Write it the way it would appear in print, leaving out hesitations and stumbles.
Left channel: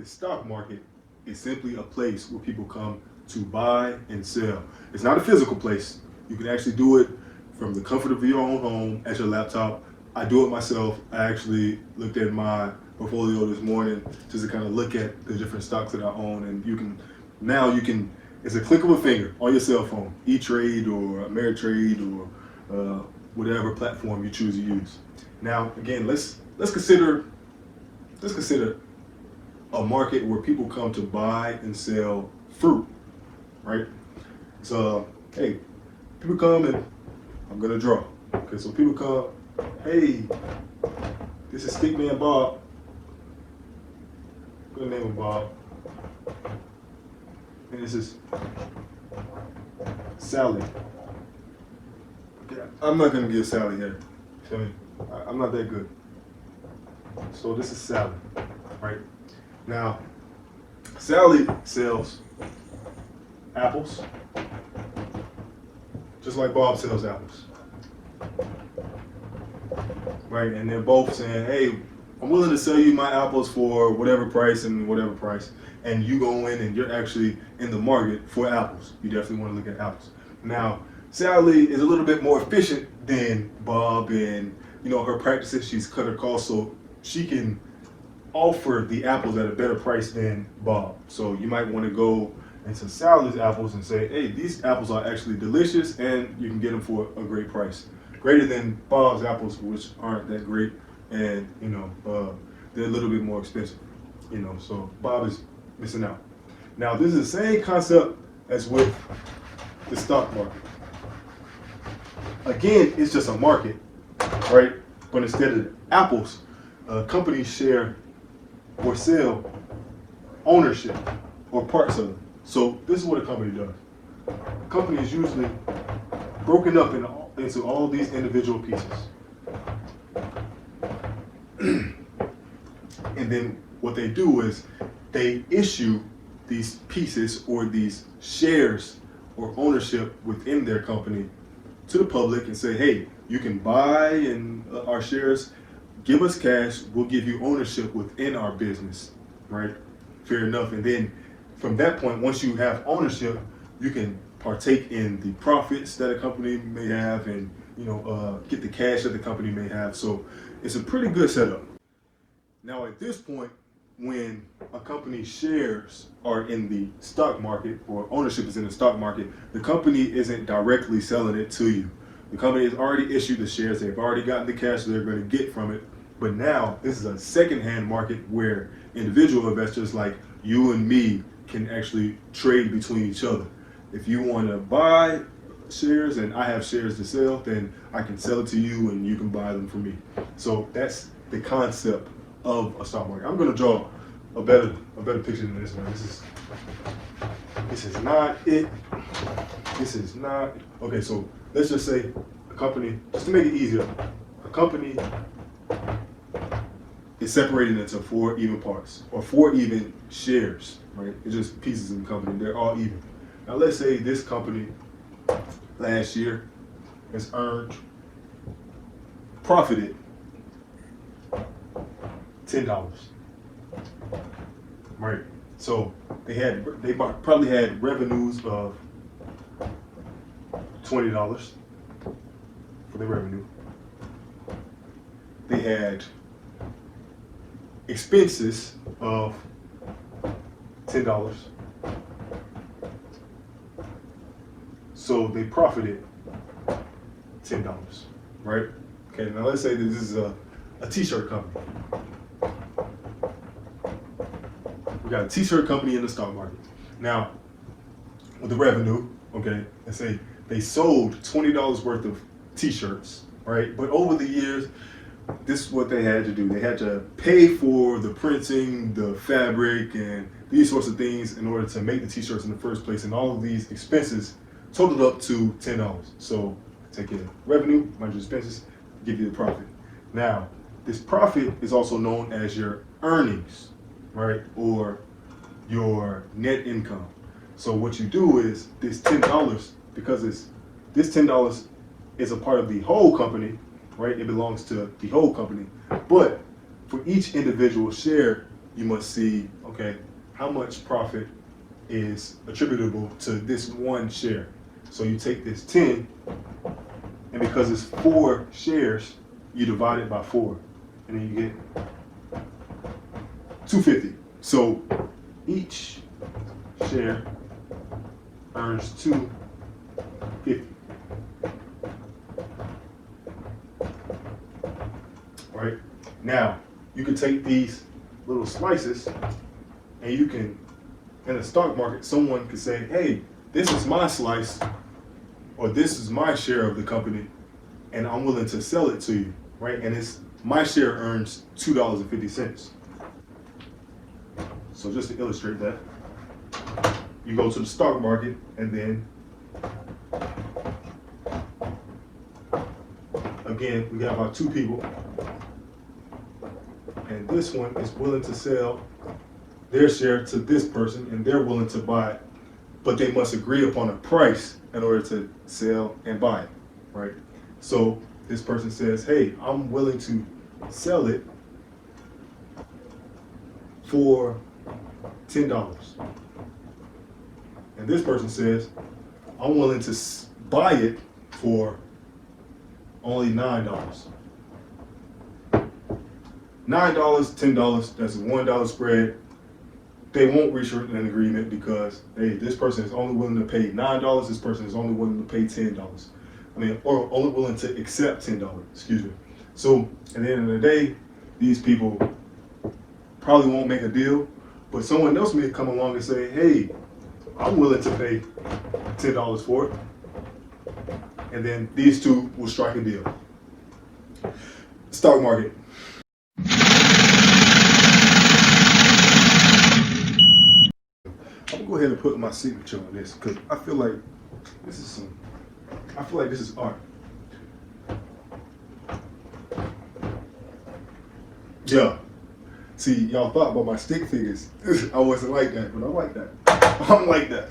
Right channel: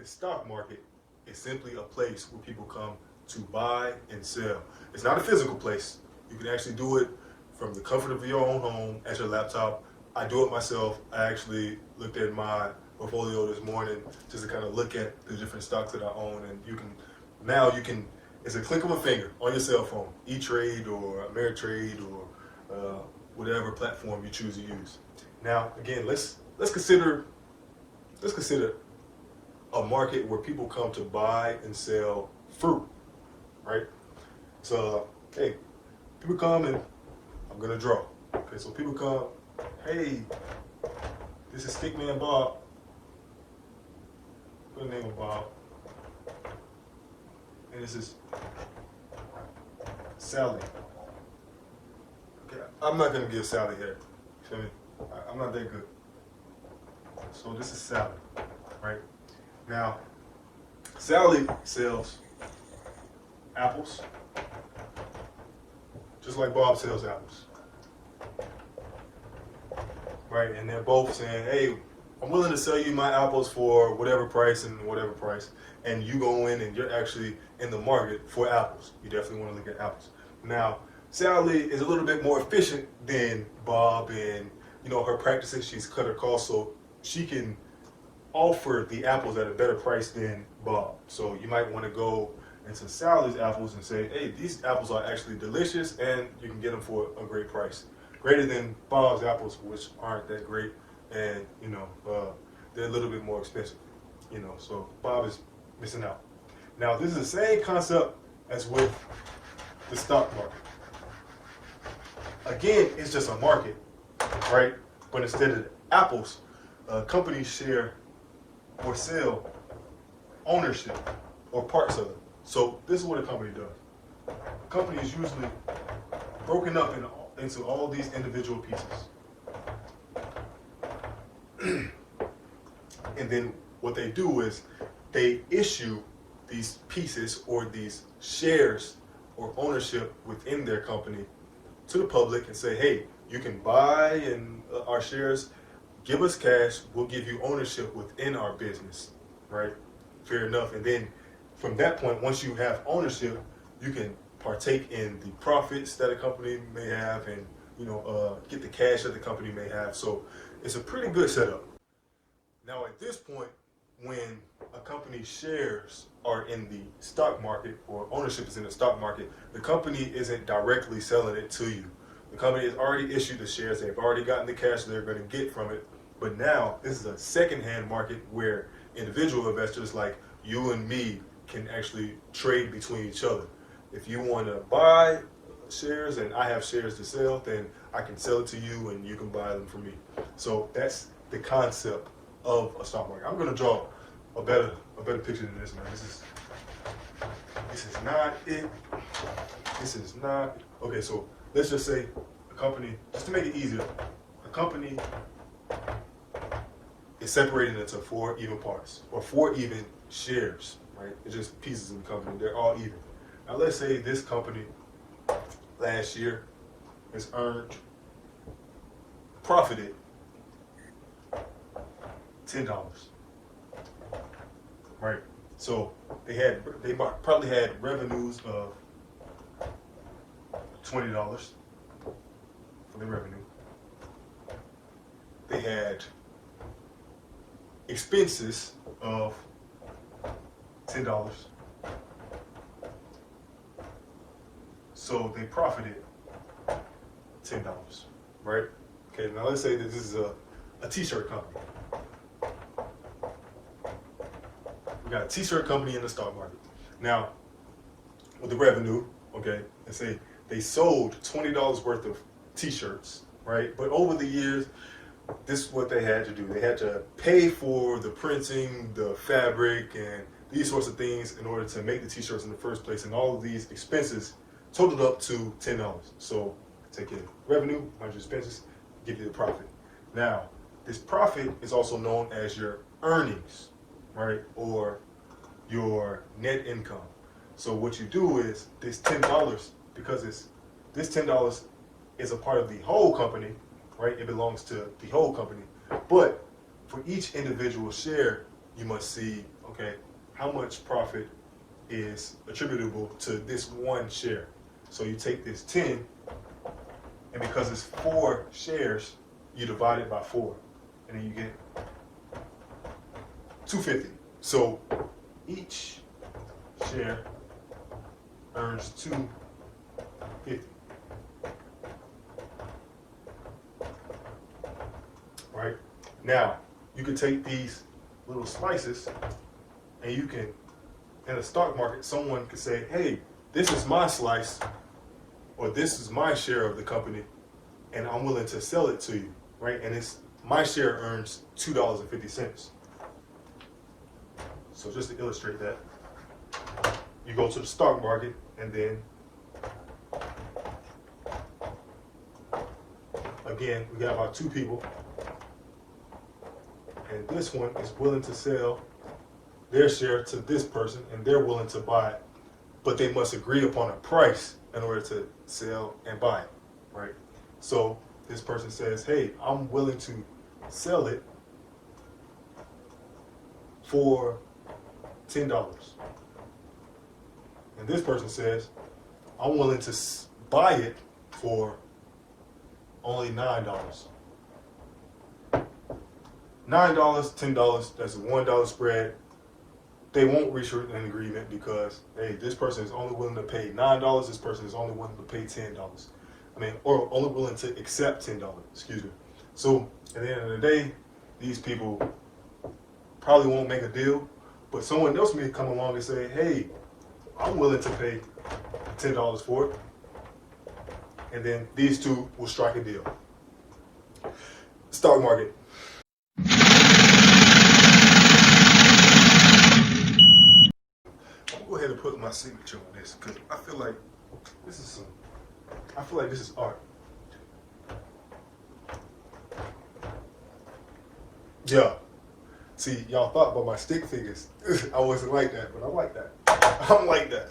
The stock market is simply a place where people come to buy and sell. It's not a physical place. You can actually do it from the comfort of your own home at your laptop. I do it myself. I actually looked at my portfolio this morning just to kind of look at the different stocks that I own, and you can it's a click of a finger on your cell phone, E-Trade or Ameritrade or whatever platform you choose to use. Now, again, let's consider a market where people come to buy and sell fruit, right? So, hey, people come and I'm gonna draw. Okay, so people come, hey, this is Stickman Bob. Good name of Bob. And this is Sally. Okay, I'm not gonna give Sally here. Feel me? I'm not that good. So this is Sally, right? Now, Sally sells apples, just like Bob sells apples, right? And they're both saying, hey, I'm willing to sell you my apples for whatever price and whatever price. And you go in and you're actually in the market for apples. You definitely want to look at apples. Now, Sally is a little bit more efficient than Bob, and her practices, she's cut her costs so she can offer the apples at a better price than Bob. So you might want to go into Sally's apples and say, hey, these apples are actually delicious and you can get them for a great price. Greater than Bob's apples, which aren't that great, and they're a little bit more expensive. So Bob is missing out. Now, this is the same concept as with the stock market. Again, it's just a market, right? But instead of apples, companies share or sell ownership or parts of them. So this is what a company does. A company is usually broken up into all these individual pieces. And then what they do is they issue these pieces or these shares or ownership within their company to the public and say, hey, you can buy in our shares, give us cash, we'll give you ownership within our business, right? Fair enough. And then from that point, once you have ownership, you can partake in the profits that a company may have and get the cash that the company may have. So it's a pretty good setup. Now at this point, when a company's shares are in the stock market or ownership is in the stock market, the company isn't directly selling it to you. The company has already issued the shares, they've already gotten the cash they're going to get from it. But now this is a secondhand market where individual investors like you and me can actually trade between each other. If you want to buy shares and I have shares to sell, then I can sell it to you and you can buy them from me. So that's the concept of a stock market. I'm going to draw a better picture than this, man. This is not it. This is not. Okay, so let's just say a company, just to make it easier, a company is separated into 4 even parts or 4 even shares, right? It's just pieces of the company. They're all even. Now let's say this company last year has profited $10, right? So they probably had revenues of $20 for the revenue. They had expenses of $10. So they profited $10, right? Okay, now let's say that this is a t-shirt company. We got a t-shirt company in the stock market. Now, with the revenue, okay, let's say they sold $20 worth of t-shirts, right? But over the years, this is what they had to do. They had to pay for the printing, the fabric, and these sorts of things in order to make the t-shirts in the first place. And all of these expenses totaled up to $10. So take your revenue minus your expenses, give you the profit. Now, this profit is also known as your earnings, right? Or your net income. So what you do is this $10, because this $10 is a part of the whole company, right? It belongs to the whole company. But for each individual share, you must see, okay, okay, how much profit is attributable to this one share. So you take this 10, and because it's 4 shares, you divide it by 4, and then you get 250. So each share earns 250. Right? Now, you can take these little slices and you can, in the stock market, someone could say, hey, this is my slice, or this is my share of the company, and I'm willing to sell it to you, right? And it's my share earns $2.50. So just to illustrate that, you go to the stock market, and then again, we got about 2 people, and this one is willing to sell their share to this person, and they're willing to buy it, but they must agree upon a price in order to sell and buy it, right? So this person says, hey, I'm willing to sell it for $10. And this person says, I'm willing to buy it for only $9. $9, $10, that's a $1 spread. They won't reach an agreement because, hey, this person is only willing to pay $9, this person is only willing to pay $10. Or only willing to accept $10, excuse me. So at the end of the day, these people probably won't make a deal, but someone else may come along and say, hey, I'm willing to pay $10 for it. And then these two will strike a deal. Stock market. I'm gonna go ahead and put my signature on this because I feel like this is art. Yeah. See, y'all thought about my stick figures. I wasn't like that, but I'm like that. I'm like that.